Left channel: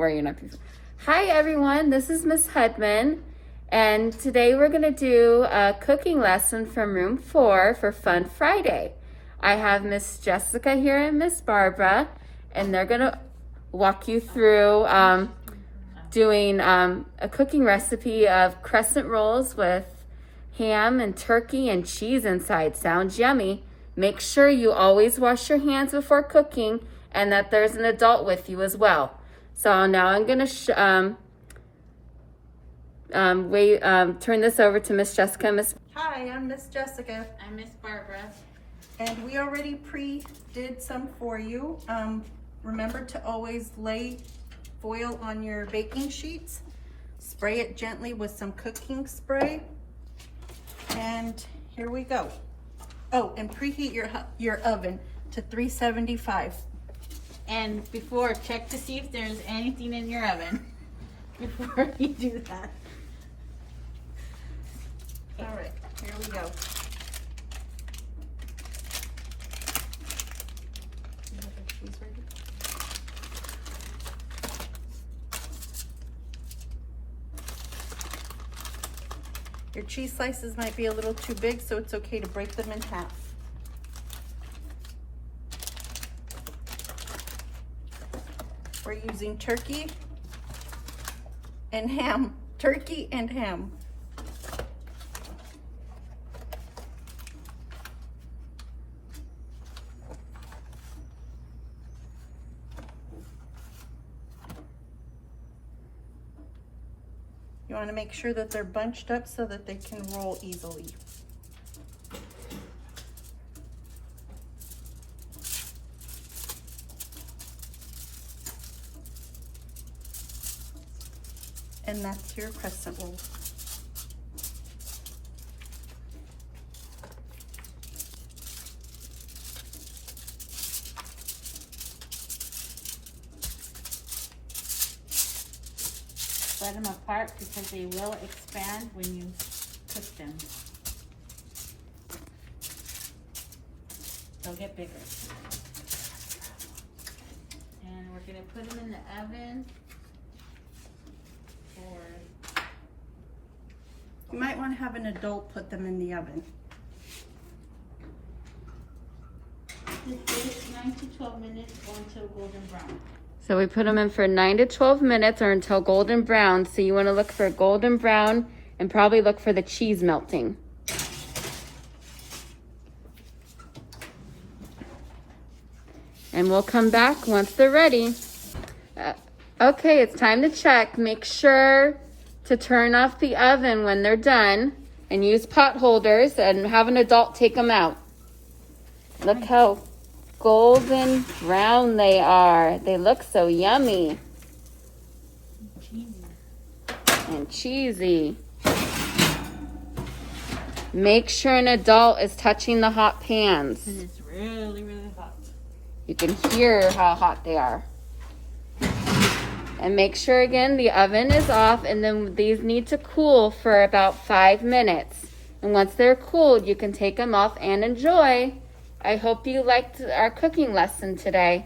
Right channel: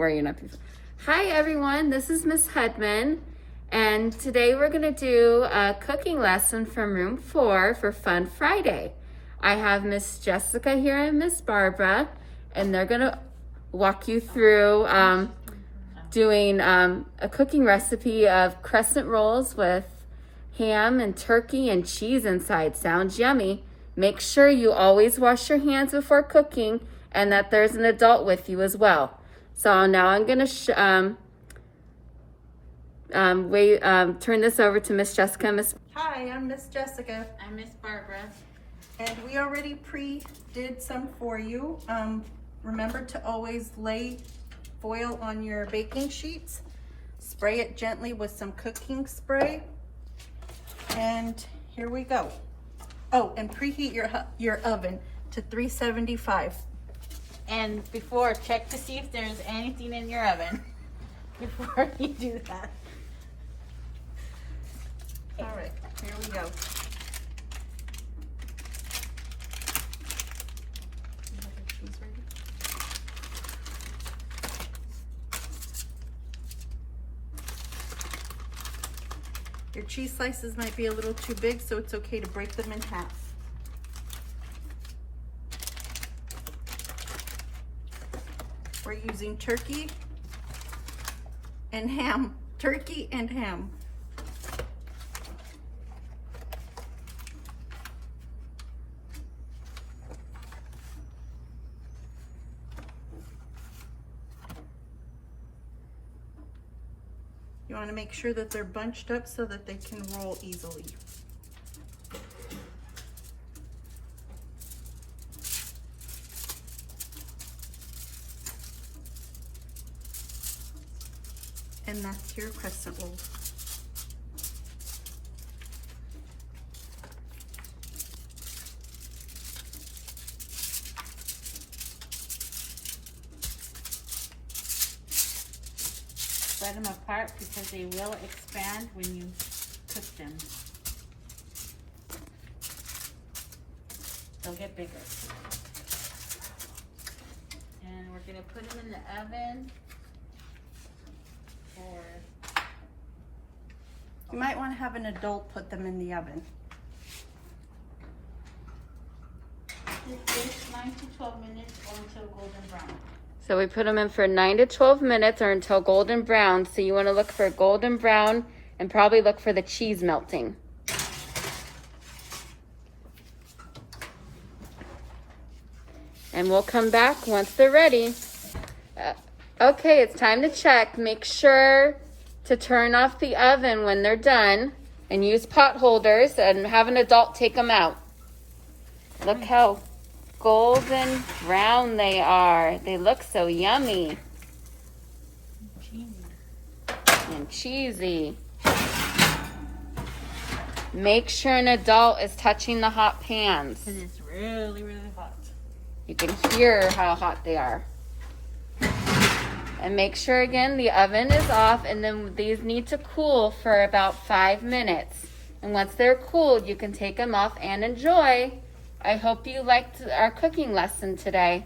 Hi everyone, this is Miss Hudman, and today we're going to do a cooking lesson from room 4 for Fun Friday. I have Miss Jessica here and Miss Barbara, and they're going to walk you through doing a cooking recipe of crescent rolls with ham and turkey and cheese inside. Sounds yummy. Make sure you always wash your hands before cooking and that there's an adult with you as well. So now I'm going to turn this over to Miss Jessica. Hi, I'm Miss Jessica. I'm Miss Barbara. And we already did some for you. Remember to always lay foil on your baking sheets. Spray it gently with some cooking spray. And here we go. Oh, and preheat your oven to 375. And before, check to see if there's anything in your oven before you do that. All right, here we go. You have your cheese ready? Your cheese slices might be a little too big, so it's okay to break them in half. We're using turkey and ham. Turkey and ham. You want to make sure that they're bunched up so that they can roll easily. And that's your crescent roll. Spread them apart because they will expand when you cook them. They'll get bigger. And we're going to put them in the oven. You might want to have an adult put them in the oven. 9 to 12 minutes or until golden brown. So we put them in for 9 to 12 minutes or until golden brown. So you want to look for golden brown and probably look for the cheese melting. And we'll come back once they're ready. Okay, it's time to check. Make sure to turn off the oven when they're done and use pot holders and have an adult take them out. Look how golden brown they are. They look so yummy. And cheesy. Make sure an adult is touching the hot pans. And it's really, really hot. You can hear how hot they are. And make sure again the oven is off, and then these need to cool for about 5 minutes. And once they're cooled, you can take them off and enjoy. I hope you liked our cooking lesson today.